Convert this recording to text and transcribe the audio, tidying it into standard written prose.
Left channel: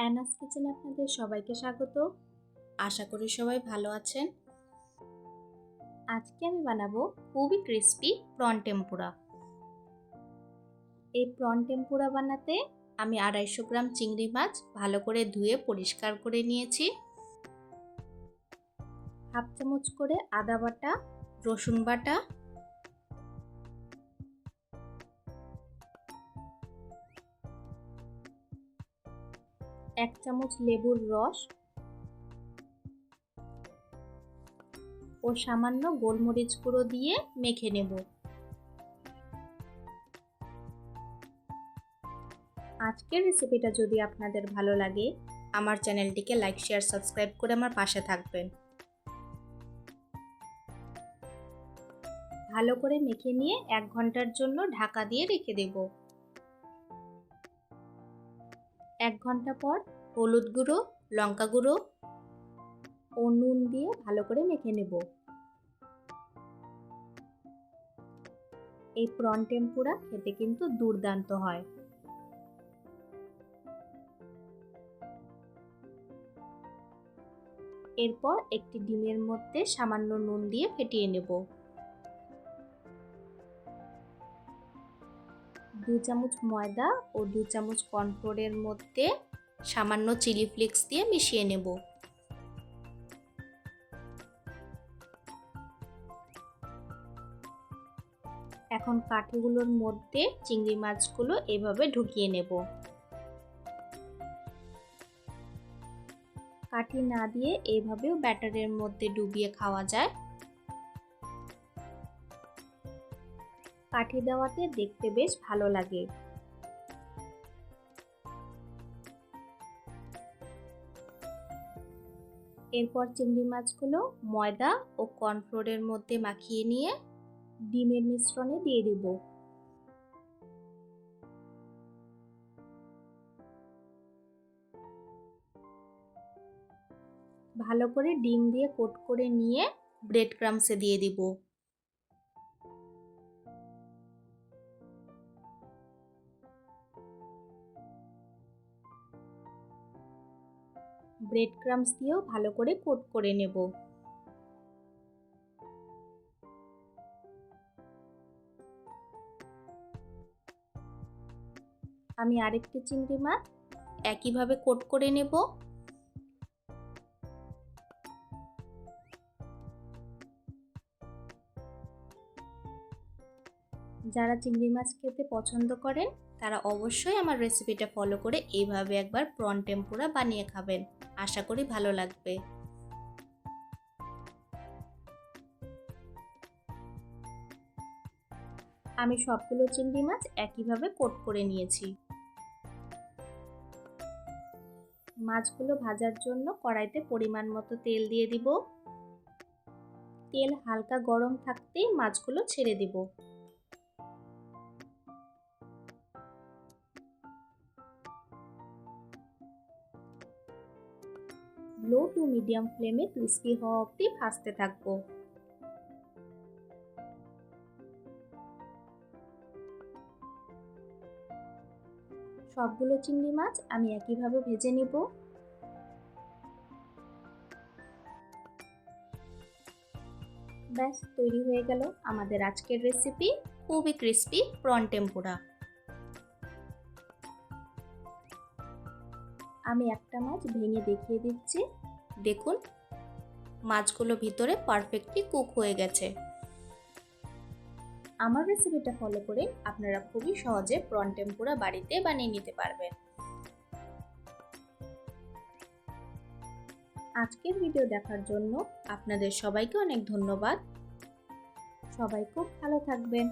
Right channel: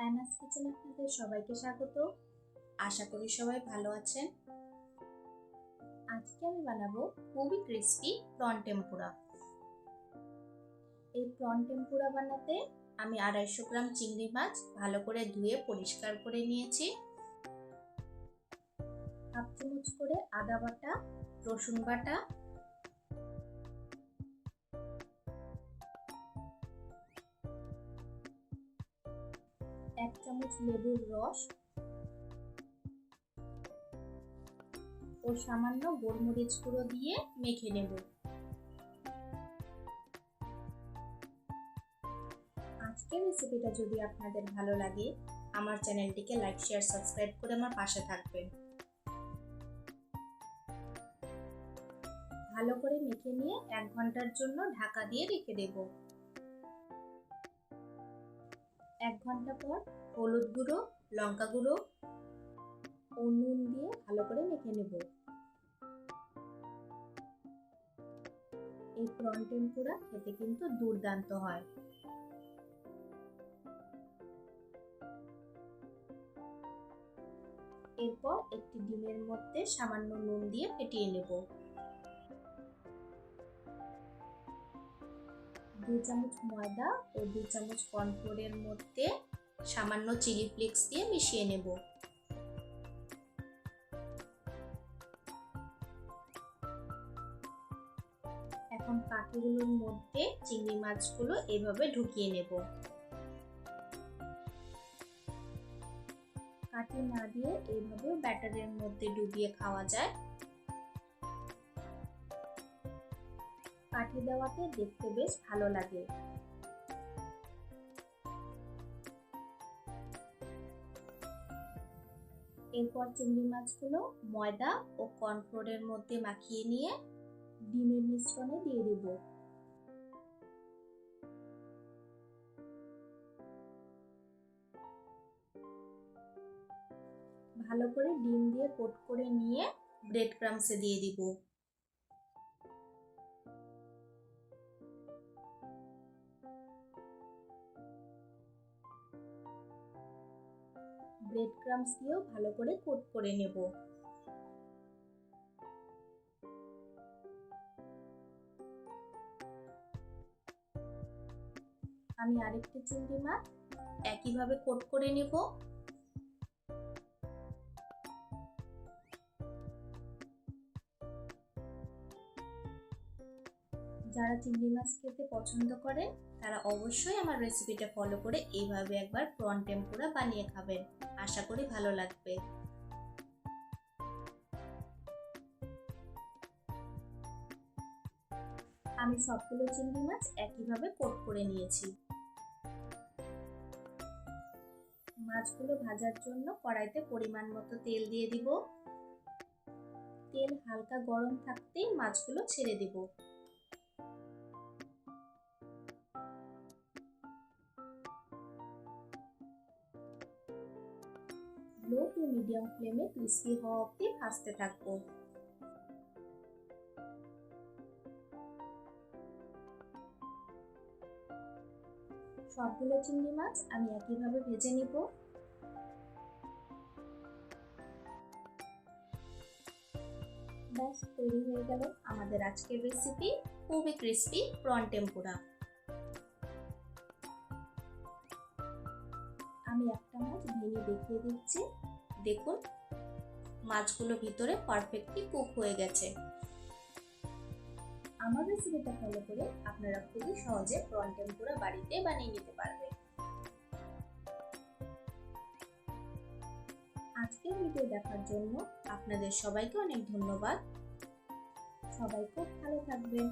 অ্যানাস কিচেনে আপনাদের সবাইকে স্বাগত। আশা করি সবাই ভালো আছেন। আজকে আমি বানাবো খুবই ক্রিস্পি প্রন টেম্পুরা। এই প্রন টেম্পুরা বানাতে আমি 250 গ্রাম চিংড়ি মাছ ভালো করে ধুয়ে পরিষ্কার করে নিয়েছি। হাফ চামচ করে আদা বাটা, রসুন বাটা, এক চামচ লেবুর রস ও সামান্য গোলমরিচ গুঁড়ো দিয়ে মেখে নেব। আজকের রেসিপিটা যদি আপনাদের ভালো লাগে, আমার চ্যানেলটিকে লাইক, শেয়ার, সাবস্ক্রাইব করে আমার পাশে থাকবেন। ভালো করে মেখে নিয়ে 1 ঘন্টার জন্য ঢাকা দিয়ে রেখে দেব। 1 ঘন্টা পর হলুদ গুঁড়ো, লঙ্কা গুঁড়ো ও নুন দিয়ে ভালো করে মেখে নেব। এই প্রন টেম্পুরা খেতে কিন্তু দুর্দান্ত হয়। এরপর একটি ডিমের মধ্যে সামান্য নুন দিয়ে ফেটিয়ে নেব। 2 চামচ ময়দা ও 2 চামচ কর্নফ্লোরের মধ্যে সামান্য চিলি ফ্লেক্স দিয়ে মিশিয়ে নেব। এখন কাঠিগুলোর মধ্যে চিংড়ি মাছগুলো এভাবে ঢুকিয়ে নেব। কাঠি না দিয়ে এভাবেও ব্যাটারের মধ্যে ডুবিয়ে খাওয়া যায়। কাঠি দেওয়াতে দেখতে বেশ ভালো লাগে। এরপর চিংড়ি মাছগুলো ময়দা ও কর্নফ্লোরের মধ্যে মাখিয়ে নিয়ে ডিমের মিশ্রণে দিয়ে দেব। ভালো করে ডিম দিয়ে কোট করে নিয়ে ব্রেড ক্রাম্বসে দিয়ে দিব। ব্রেড ক্রাম্বস দিয়েও ভালো করে কোট করে নেব। আমি আরেকটি চিংড়ি মাছ একইভাবে কোট করে নেব। যারা চিংড়ি মাছ খেতে পছন্দ করেন তারা অবশ্যই আমার রেসিপিটা ফলো করে এইভাবে একবার প্রন টেম্পুরা বানিয়ে খাবেন। আশা করি ভালো লাগবে। আমি সবগুলো চিংড়ি মাছ একইভাবে কোট করে নিয়েছি। মাছগুলো ভাজার জন্য কড়াইতে পরিমাণ মতো তেল দিয়ে দিব। তেল হালকা গরম থাকতেই মাছগুলো ছেড়ে দিব। লো টু মিডিয়াম ফ্লেমে ক্রিস্পি হওয়া অবধি ভাজতে থাকবো। সবগুলো চিংড়ি মাছ আমি একইভাবে ভেজে নিব। ব্যাস তৈরি হয়ে গেল আমাদের আজকের রেসিপি খুবই ক্রিস্পি প্রন টেম্পুরা। আমি একটা মাছ ভেঙে দেখিয়ে দিচ্ছি। দেখুন মাছগুলো ভিতরে পারফেক্টলি কুক হয়ে গেছে। আমার রেসিপিটা ফলো করে আপনারা খুবই সহজে প্রন টেম্পুরা বাড়িতে বানিয়ে নিতে পারবেন। আজকের ভিডিও দেখার জন্য আপনাদের সবাইকে অনেক ধন্যবাদ। সবাই খুব ভালো থাকবেন।